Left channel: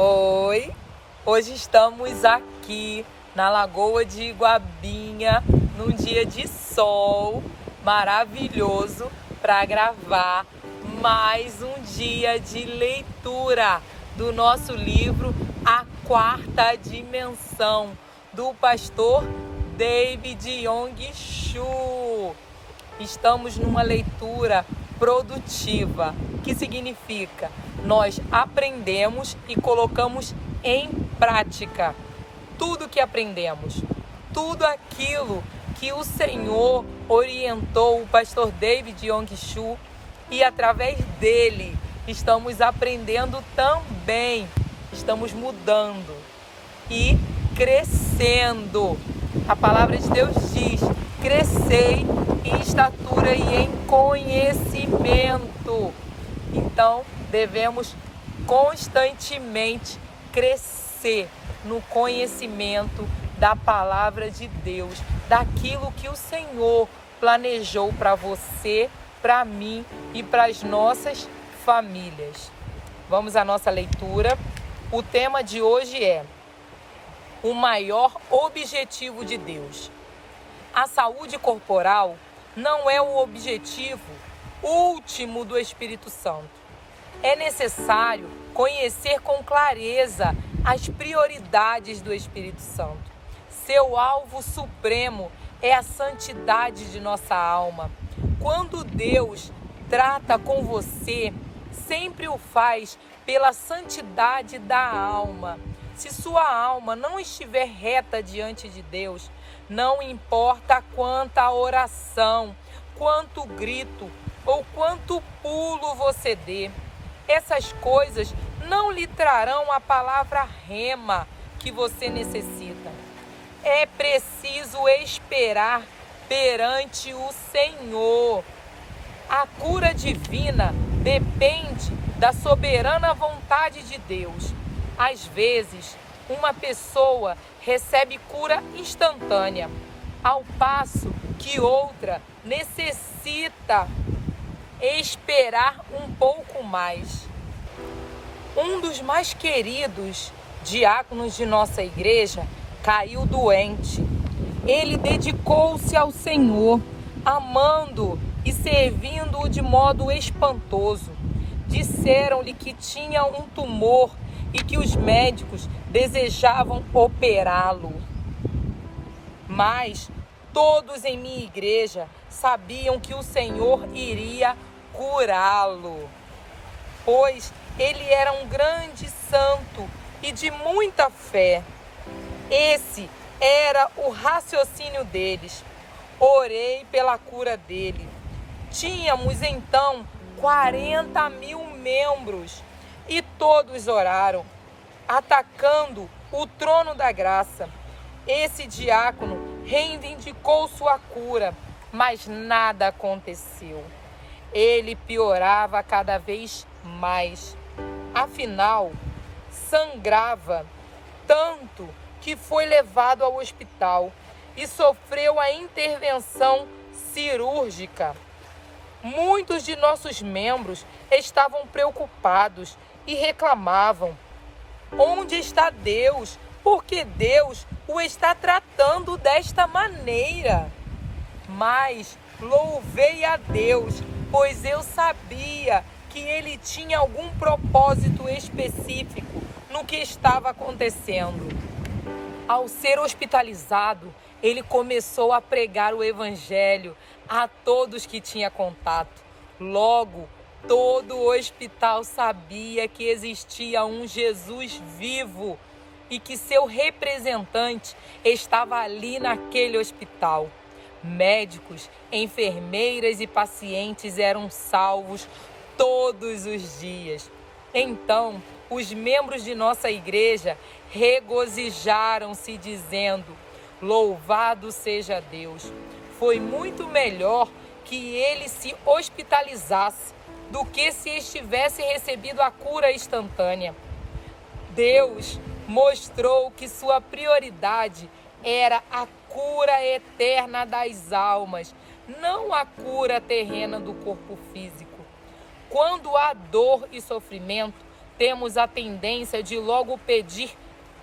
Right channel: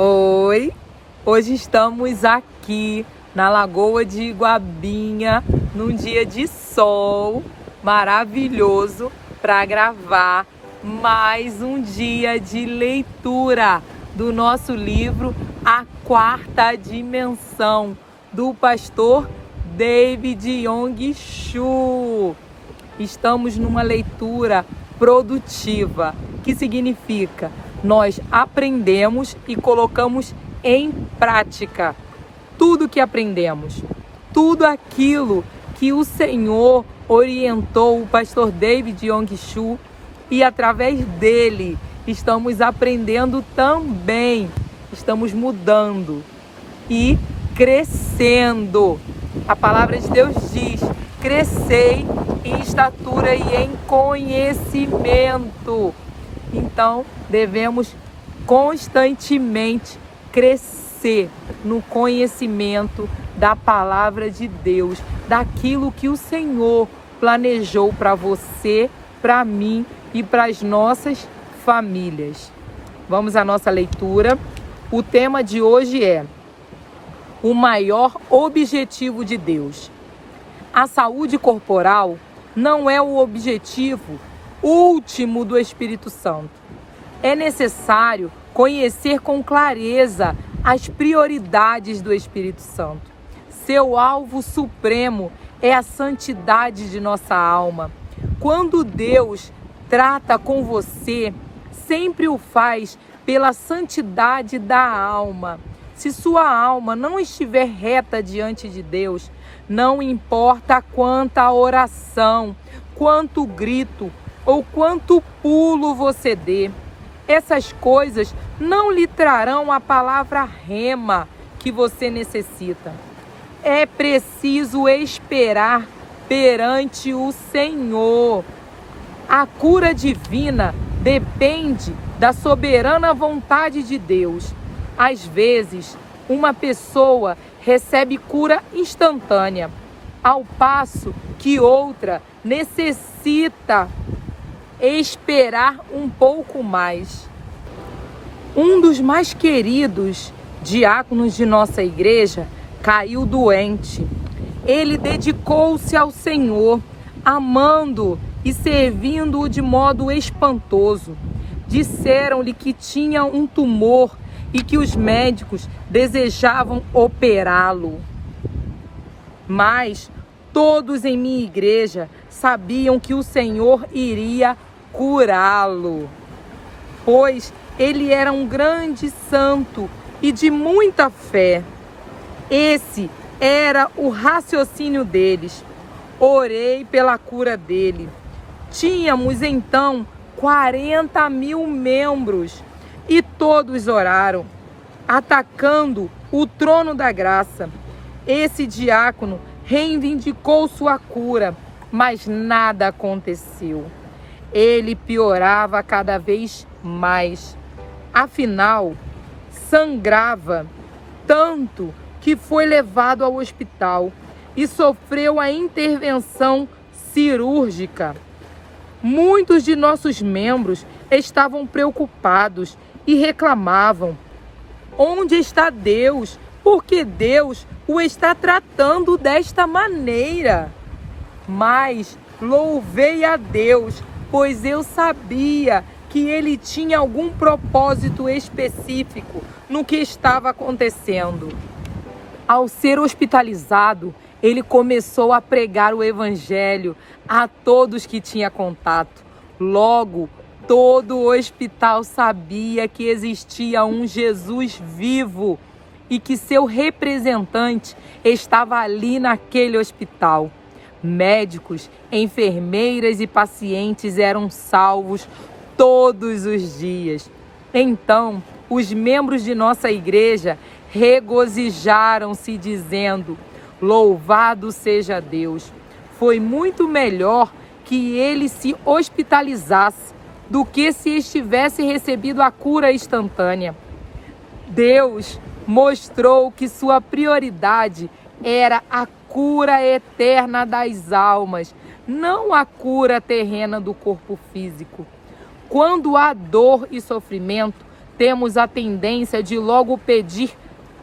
Oi, hoje estamos aqui na Lagoa de Iguabinha, num dia de sol maravilhoso para gravar mais um dia de leitura do nosso livro A Quarta Dimensão, do pastor David Yong-Chul. Estamos numa leitura produtiva, que significa nós aprendemos e colocamos em prática tudo que aprendemos, tudo aquilo que o Senhor orientou o pastor David Yong-Chul, e através dele estamos aprendendo também, estamos mudando e crescendo. A palavra de Deus diz: crescei em estatura e em conhecimento. Então, devemos constantemente crescer no conhecimento da palavra de Deus, daquilo que o Senhor planejou para você, para mim e para as nossas famílias. Vamos à nossa leitura. O tema de hoje é o maior objetivo de Deus. A saúde corporal não é o objetivo último do Espírito Santo. É necessário conhecer com clareza as prioridades do Espírito Santo. Seu alvo supremo é a santidade de nossa alma. Quando Deus trata com você, sempre o faz pela santidade da alma. Se sua alma não estiver reta diante de Deus, não importa quanta oração, quanto grito ou quanto pulo você dê, essas coisas não lhe trarão a palavra rema que você necessita. É preciso esperar perante o Senhor. A cura divina depende da soberana vontade de Deus. Às vezes, uma pessoa recebe cura instantânea, ao passo que outra necessita esperar um pouco mais. Um dos mais queridos diáconos de nossa igreja caiu doente. Ele dedicou-se ao Senhor, amando e servindo-o de modo espantoso. Disseram-lhe que tinha um tumor e que os médicos desejavam operá-lo. Mas todos em minha igreja sabiam que o Senhor iria curá-lo, pois ele era um grande santo e de muita fé. Esse era o raciocínio deles. Orei pela cura dele. Tínhamos então 40.000 membros e todos oraram, atacando o trono da graça. Esse diácono reivindicou sua cura, mas nada aconteceu. Ele piorava cada vez mais. Afinal, sangrava tanto que foi levado ao hospital e sofreu a intervenção cirúrgica. Muitos de nossos membros estavam preocupados e reclamavam: onde está Deus? Por que Deus o está tratando desta maneira? Mas louvei a Deus, pois eu sabia que ele tinha algum propósito específico no que estava acontecendo. Ao ser hospitalizado, ele começou a pregar o evangelho a todos que tinha contato. Logo, todo o hospital sabia que existia um Jesus vivo e que seu representante estava ali naquele hospital. Médicos, enfermeiras e pacientes eram salvos todos os dias. Então, os membros de nossa igreja regozijaram-se dizendo: louvado seja Deus. Foi muito melhor que ele se hospitalizasse do que se estivesse recebido a cura instantânea. Deus mostrou que sua prioridade era a cura eterna das almas, não a cura terrena do corpo físico. Quando há dor e sofrimento, temos a tendência de logo pedir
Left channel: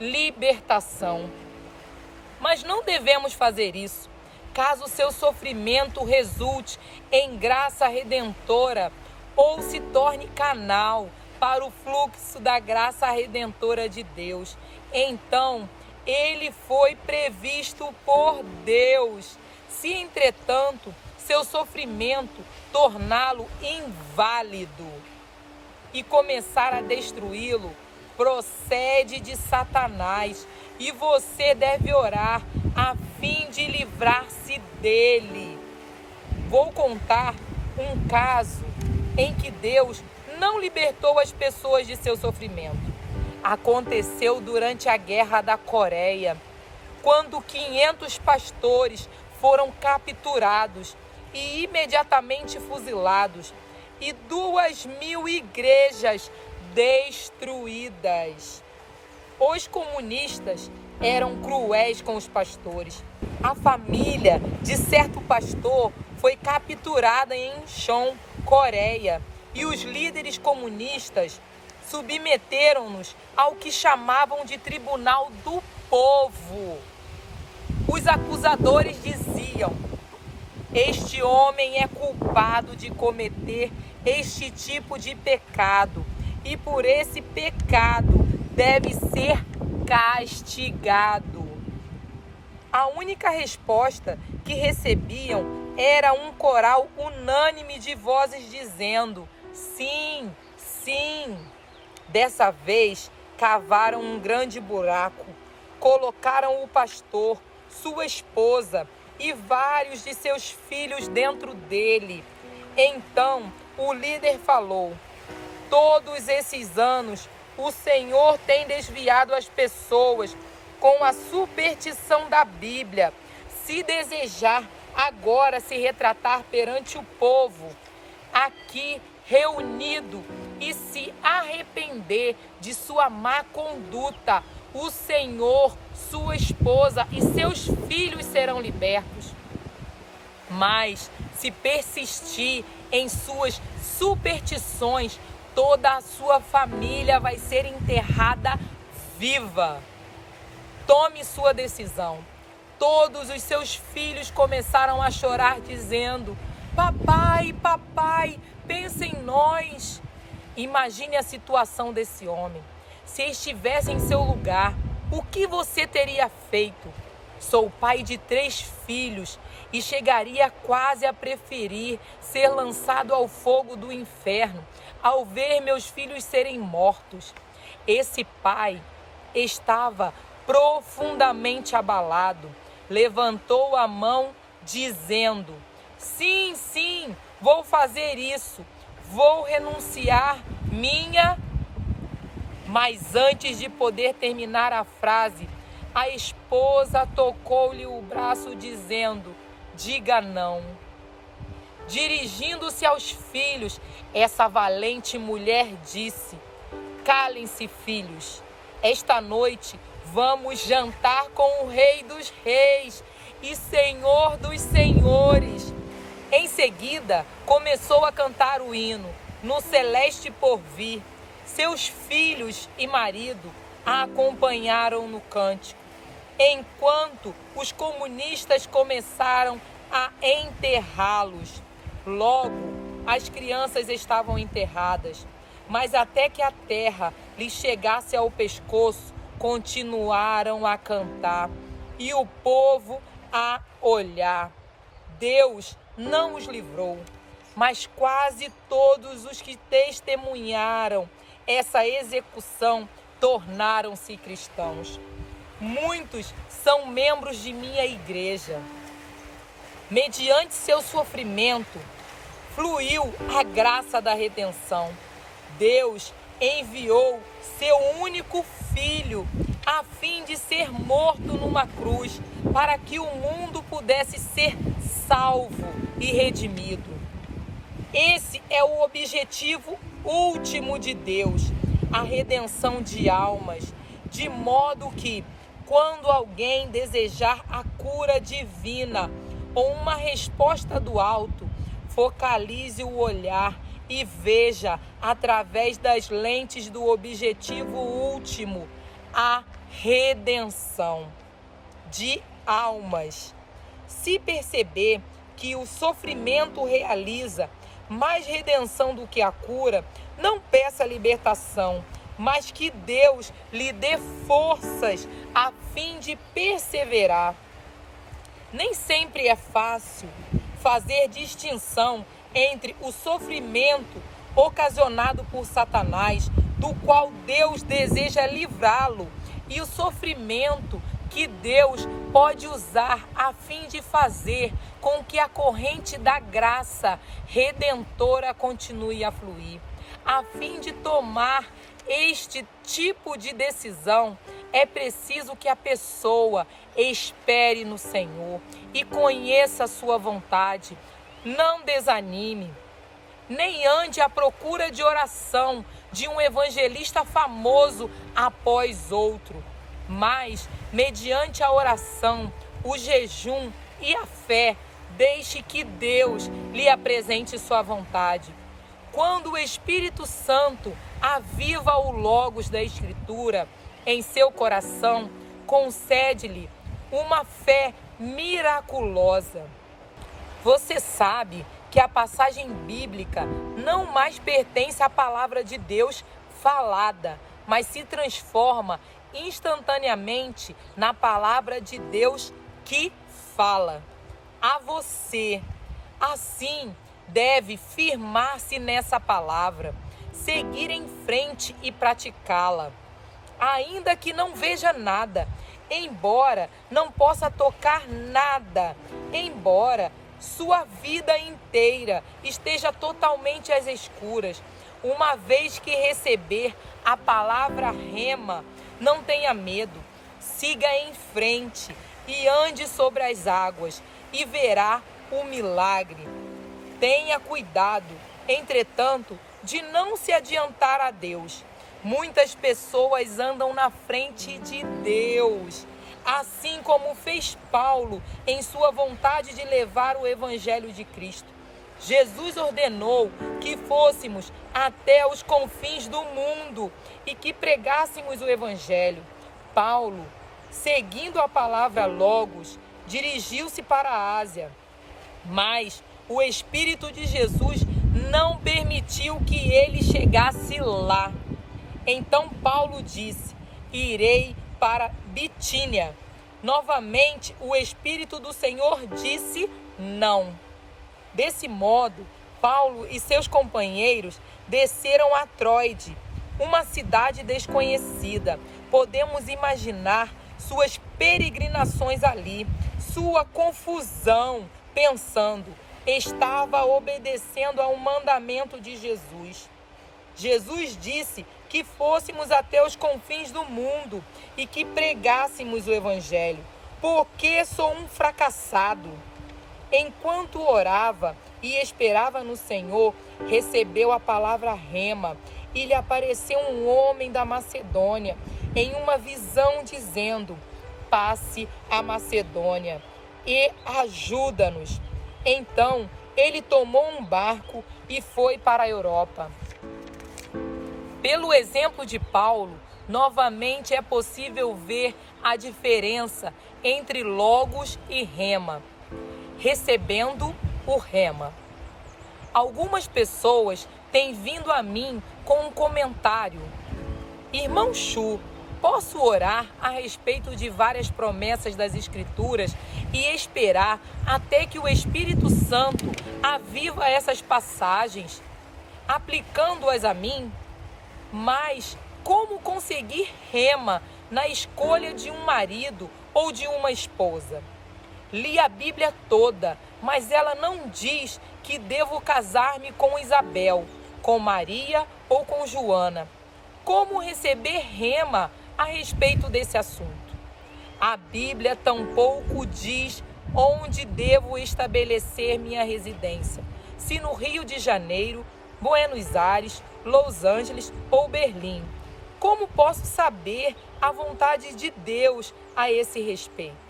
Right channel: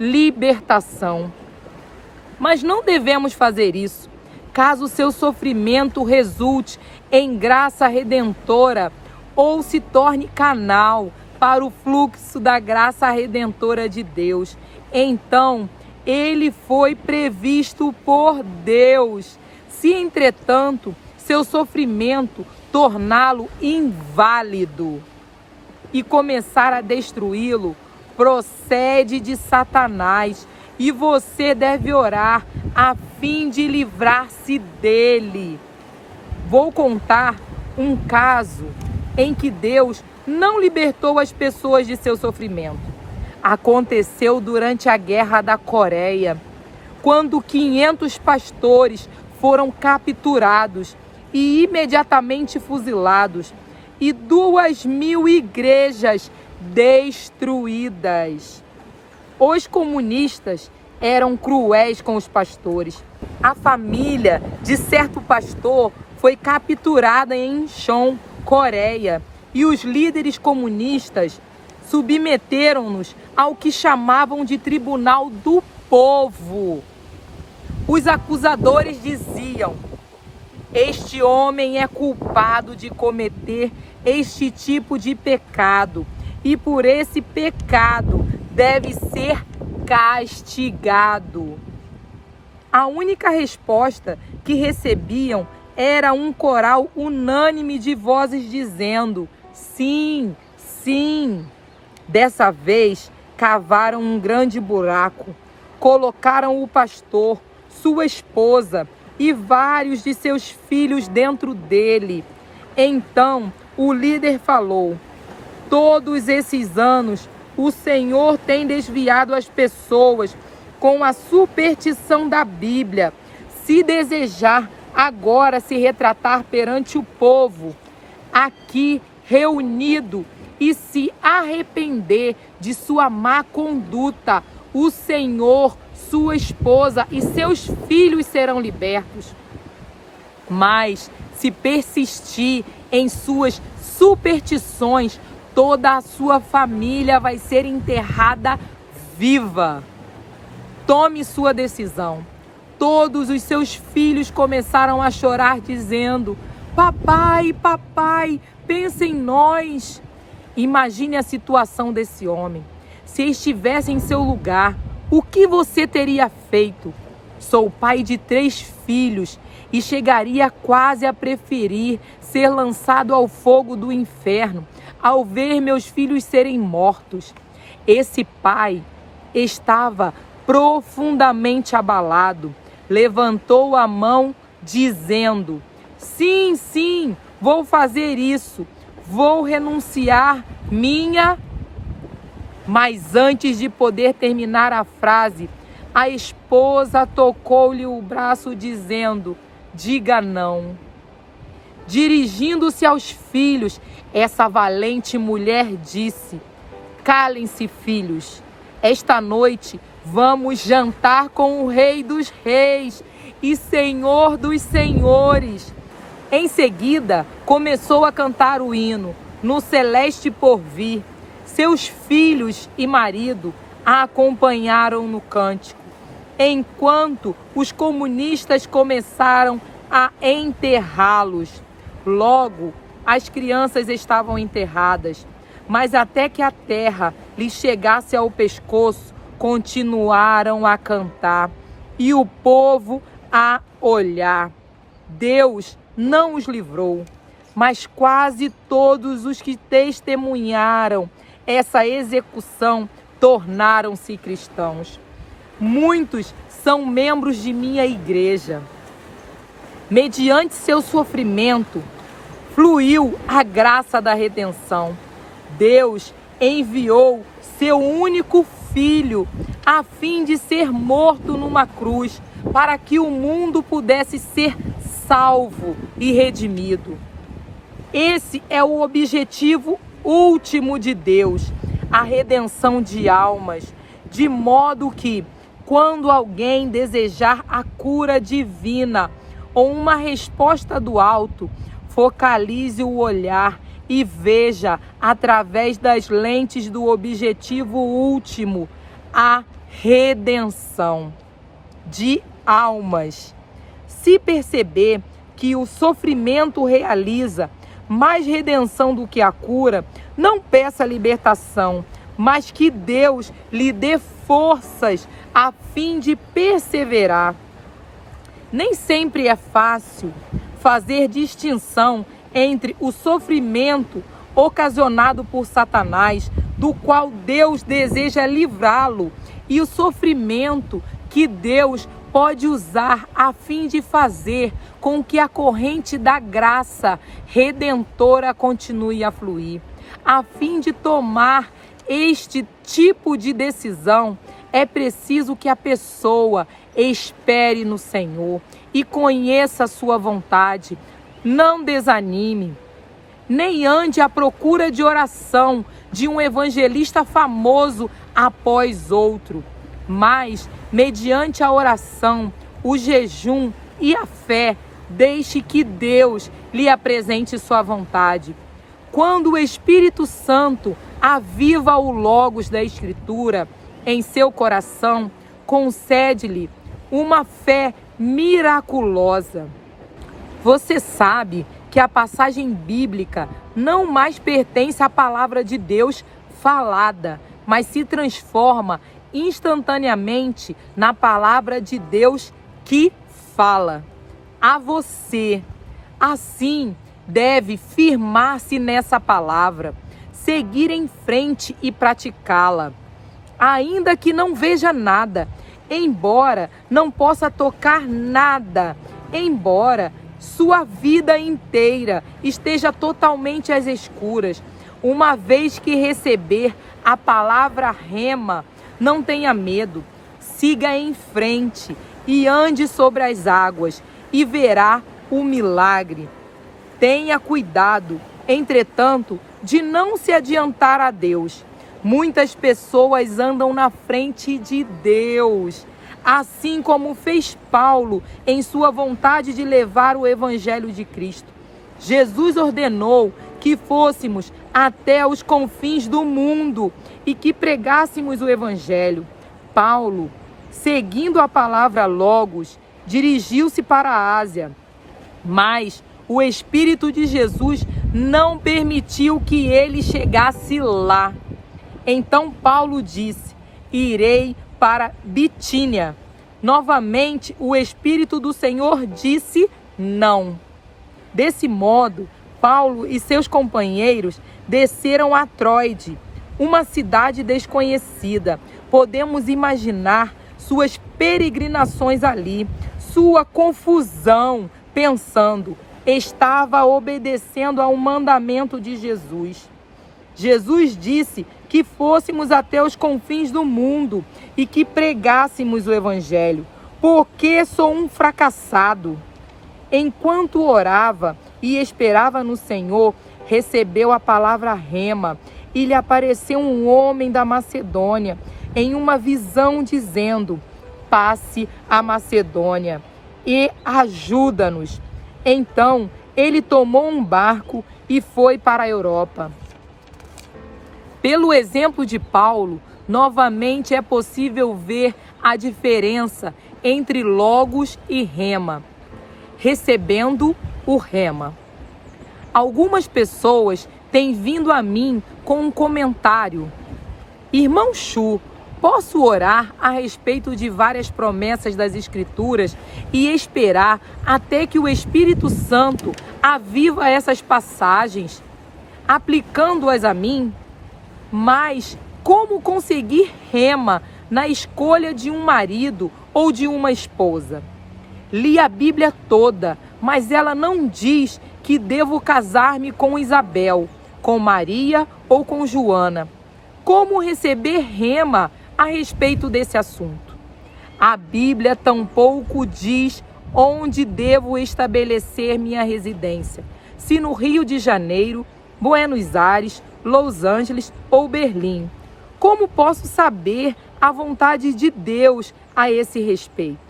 libertação. Mas não devemos fazer isso. Caso seu sofrimento resulte em graça redentora ou se torne canal para o fluxo da graça redentora de Deus, então ele foi previsto por Deus. Se, entretanto, seu sofrimento torná-lo inválido e começar a destruí-lo, procede de Satanás, e você deve orar a fim de livrar-se dele. Vou contar um caso em que Deus não libertou as pessoas de seu sofrimento. Aconteceu durante a Guerra da Coreia, quando 500 pastores foram capturados e imediatamente fuzilados, e 2.000 igrejas destruídas. Os comunistas eram cruéis com os pastores. A família de certo pastor foi capturada em Incheon, Coreia, e os líderes comunistas submeteram-nos ao que chamavam de Tribunal do Povo. Os acusadores diziam: este homem é culpado de cometer este tipo de pecado e por esse pecado deve ser castigado. A única resposta que recebiam era um coral unânime de vozes dizendo: sim, sim. Dessa vez, cavaram um grande buraco, colocaram o pastor, sua esposa e vários de seus filhos dentro dele. Então o líder falou: todos esses anos o Senhor tem desviado as pessoas com a superstição da Bíblia. Se desejar agora se retratar perante o povo aqui reunido e se arrepender de sua má conduta, o Senhor, sua esposa e seus filhos serão libertos. Mas se persistir em suas superstições, toda a sua família vai ser enterrada viva. Tome sua decisão. Todos os seus filhos começaram a chorar, dizendo: papai, papai, pensa em nós. Imagine a situação desse homem. Se estivesse em seu lugar, o que você teria feito? Sou pai de 3 filhos e chegaria quase a preferir ser lançado ao fogo do inferno ao ver meus filhos serem mortos. Esse pai estava profundamente abalado. Levantou a mão dizendo: sim, sim, vou fazer isso. Vou renunciar minha... Mas antes de poder terminar a frase, a esposa tocou-lhe o braço dizendo: diga não. Dirigindo-se aos filhos, essa valente mulher disse: calem-se, filhos. Esta noite vamos jantar com o Rei dos Reis e Senhor dos Senhores. Em seguida, começou a cantar o hino No Celeste Porvir. Seus filhos e marido a acompanharam no cântico, enquanto os comunistas começaram a enterrá-los. Logo, as crianças estavam enterradas, mas até que a terra lhes chegasse ao pescoço, continuaram a cantar e o povo a olhar. Deus não os livrou, mas quase todos os que testemunharam essa execução tornaram-se cristãos. Muitos são membros de minha igreja. Mediante seu sofrimento, fluiu a graça da redenção. Deus enviou seu único filho a fim de ser morto numa cruz para que o mundo pudesse ser salvo e redimido. Esse é o objetivo último de Deus, a redenção de almas, de modo que, quando alguém desejar a cura divina ou uma resposta do alto, focalize o olhar e veja através das lentes do objetivo último, a redenção de almas. Se perceber que o sofrimento realiza mais redenção do que a cura, não peça libertação, mas que Deus lhe dê forças a fim de perseverar. Nem sempre é fácil fazer distinção entre o sofrimento ocasionado por Satanás, do qual Deus deseja livrá-lo, e o sofrimento que Deus pode usar a fim de fazer com que a corrente da graça redentora continue a fluir. A fim de tomar este tipo de decisão, é preciso que a pessoa espere no Senhor e conheça a sua vontade. Não desanime, nem ande à procura de oração de um evangelista famoso após outro, mas, mediante a oração, o jejum e a fé, deixe que Deus lhe apresente sua vontade. Quando o Espírito Santo aviva o logos da Escritura em seu coração, concede-lhe uma fé miraculosa. Você sabe que a passagem bíblica não mais pertence à palavra de Deus falada, mas se transforma instantaneamente na palavra de Deus que fala a você. Assim, deve firmar-se nessa palavra, seguir em frente e praticá-la. Ainda que não veja nada, embora não possa tocar nada, embora sua vida inteira esteja totalmente às escuras, uma vez que receber a palavra rema, não tenha medo, siga em frente e ande sobre as águas e verá o milagre. Tenha cuidado, entretanto, de não se adiantar a Deus. Muitas pessoas andam na frente de Deus, assim como fez Paulo em sua vontade de levar o Evangelho de Cristo. Jesus ordenou que fôssemos até os confins do mundo e que pregássemos o Evangelho. Paulo, seguindo a palavra Logos, dirigiu-se para a Ásia, mas o Espírito de Jesus não permitiu que ele chegasse lá. Então Paulo disse: irei para Bitínia. Novamente, o Espírito do Senhor disse não. Desse modo, Paulo e seus companheiros desceram a Troade, uma cidade desconhecida. Podemos imaginar suas peregrinações ali, sua confusão, pensando: estava obedecendo ao mandamento de Jesus. Jesus disse que fôssemos até os confins do mundo e que pregássemos o Evangelho. Porque sou um fracassado. Enquanto orava e esperava no Senhor, recebeu a palavra rema e lhe apareceu um homem da Macedônia em uma visão dizendo: passe a Macedônia e ajuda-nos. Então ele tomou um barco e foi para a Europa. Pelo exemplo de Paulo, novamente é possível ver a diferença entre logos e rema. Recebendo o rema. Algumas pessoas têm vindo a mim com um comentário: irmão Chu, posso orar a respeito de várias promessas das Escrituras e esperar até que o Espírito Santo aviva essas passagens, aplicando-as a mim? Mas como conseguir rema na escolha de um marido ou de uma esposa? Li a Bíblia toda, mas ela não diz que devo casar-me com Isabel, com Maria ou com Joana. Como receber rema a respeito desse assunto? A Bíblia tampouco diz onde devo estabelecer minha residência, se no Rio de Janeiro, Buenos Aires, Los Angeles ou Berlim. Como posso saber a vontade de Deus a esse respeito?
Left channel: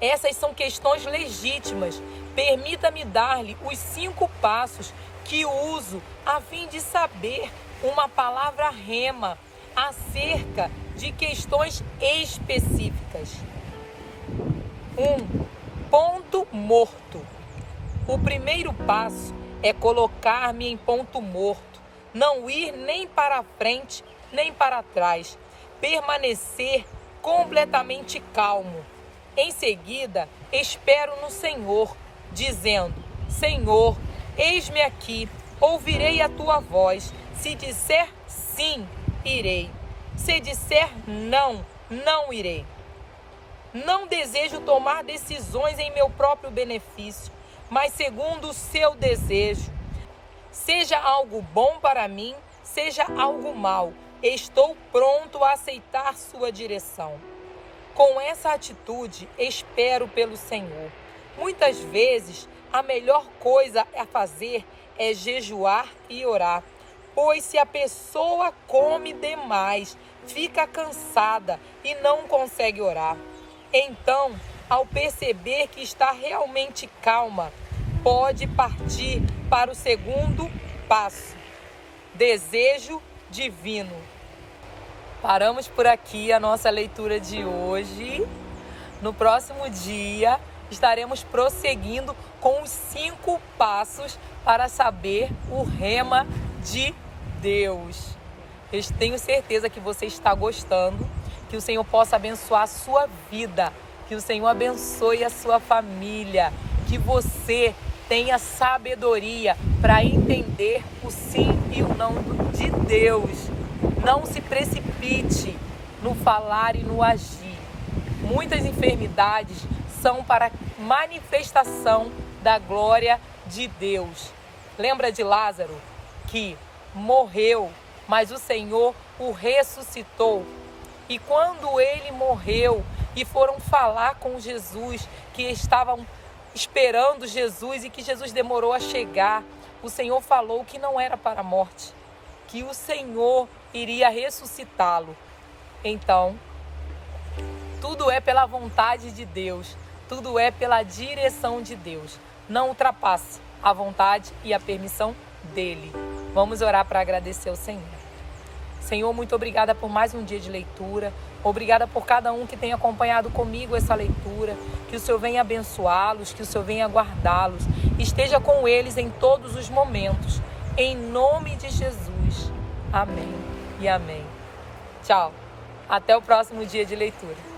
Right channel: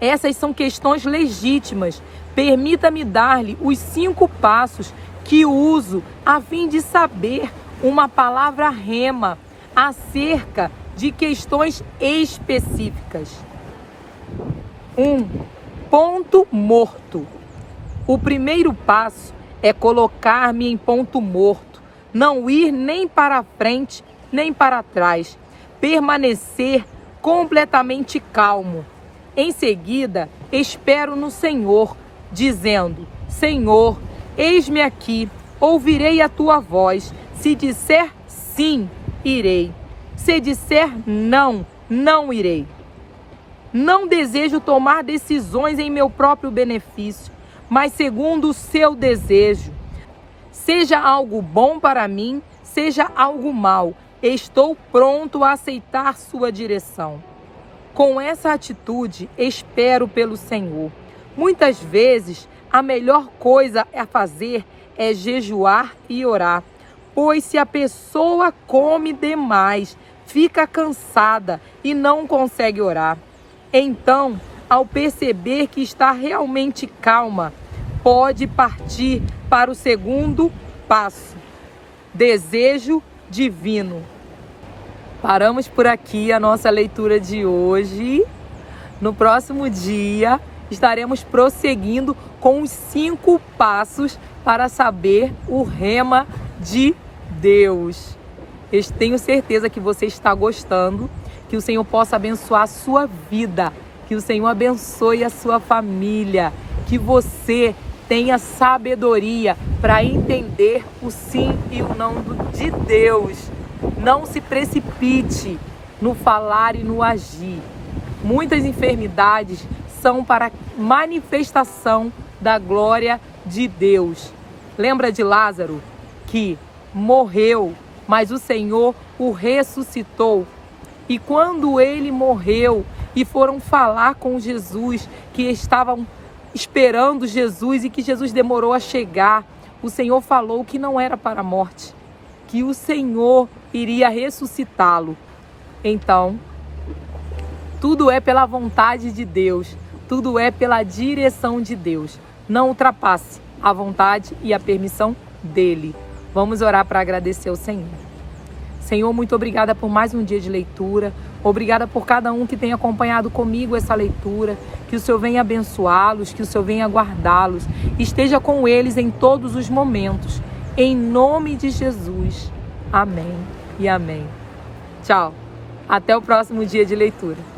Essas são questões legítimas. Permita-me dar-lhe os 5 passos que uso a fim de saber uma palavra rema acerca de questões específicas. 1. Ponto morto. O primeiro passo é colocar-me em ponto morto, não ir nem para frente nem para trás, permanecer completamente calmo. Em seguida, espero no Senhor, dizendo: Senhor, eis-me aqui, ouvirei a tua voz. Se disser sim, irei. Se disser não, não irei. Não desejo tomar decisões em meu próprio benefício, mas segundo o seu desejo. Seja algo bom para mim, seja algo mal, estou pronto a aceitar sua direção. Com essa atitude, espero pelo Senhor. Muitas vezes, a melhor coisa a fazer é jejuar e orar, pois se a pessoa come demais, fica cansada e não consegue orar. Então, ao perceber que está realmente calma, pode partir para o segundo passo: desejo divino. Paramos por aqui a nossa leitura de hoje. No próximo dia, estaremos prosseguindo com os 5 passos para saber o rema de Deus. Eu tenho certeza que você está gostando, que o Senhor possa abençoar a sua vida, que o Senhor abençoe a sua família, que você tenha sabedoria para entender o sim e o não de Deus. Não se precipite no falar e no agir. Muitas enfermidades são para manifestação da glória de Deus. Lembra de Lázaro, que morreu, mas o Senhor o ressuscitou. E quando ele morreu e foram falar com Jesus, que estavam esperando Jesus e que Jesus demorou a chegar, o Senhor falou que não era para a morte, que o Senhor iria ressuscitá-lo. Então, tudo é pela vontade de Deus, tudo é pela direção de Deus. Não ultrapasse a vontade e a permissão dele. Vamos orar para agradecer ao Senhor. Senhor, muito obrigada por mais um dia de leitura. Obrigada por cada um que tem acompanhado comigo essa leitura. Que o Senhor venha abençoá-los, que o Senhor venha guardá-los. Esteja com eles em todos os momentos. Em nome de Jesus. Amém e amém. Tchau. Até o próximo dia de leitura.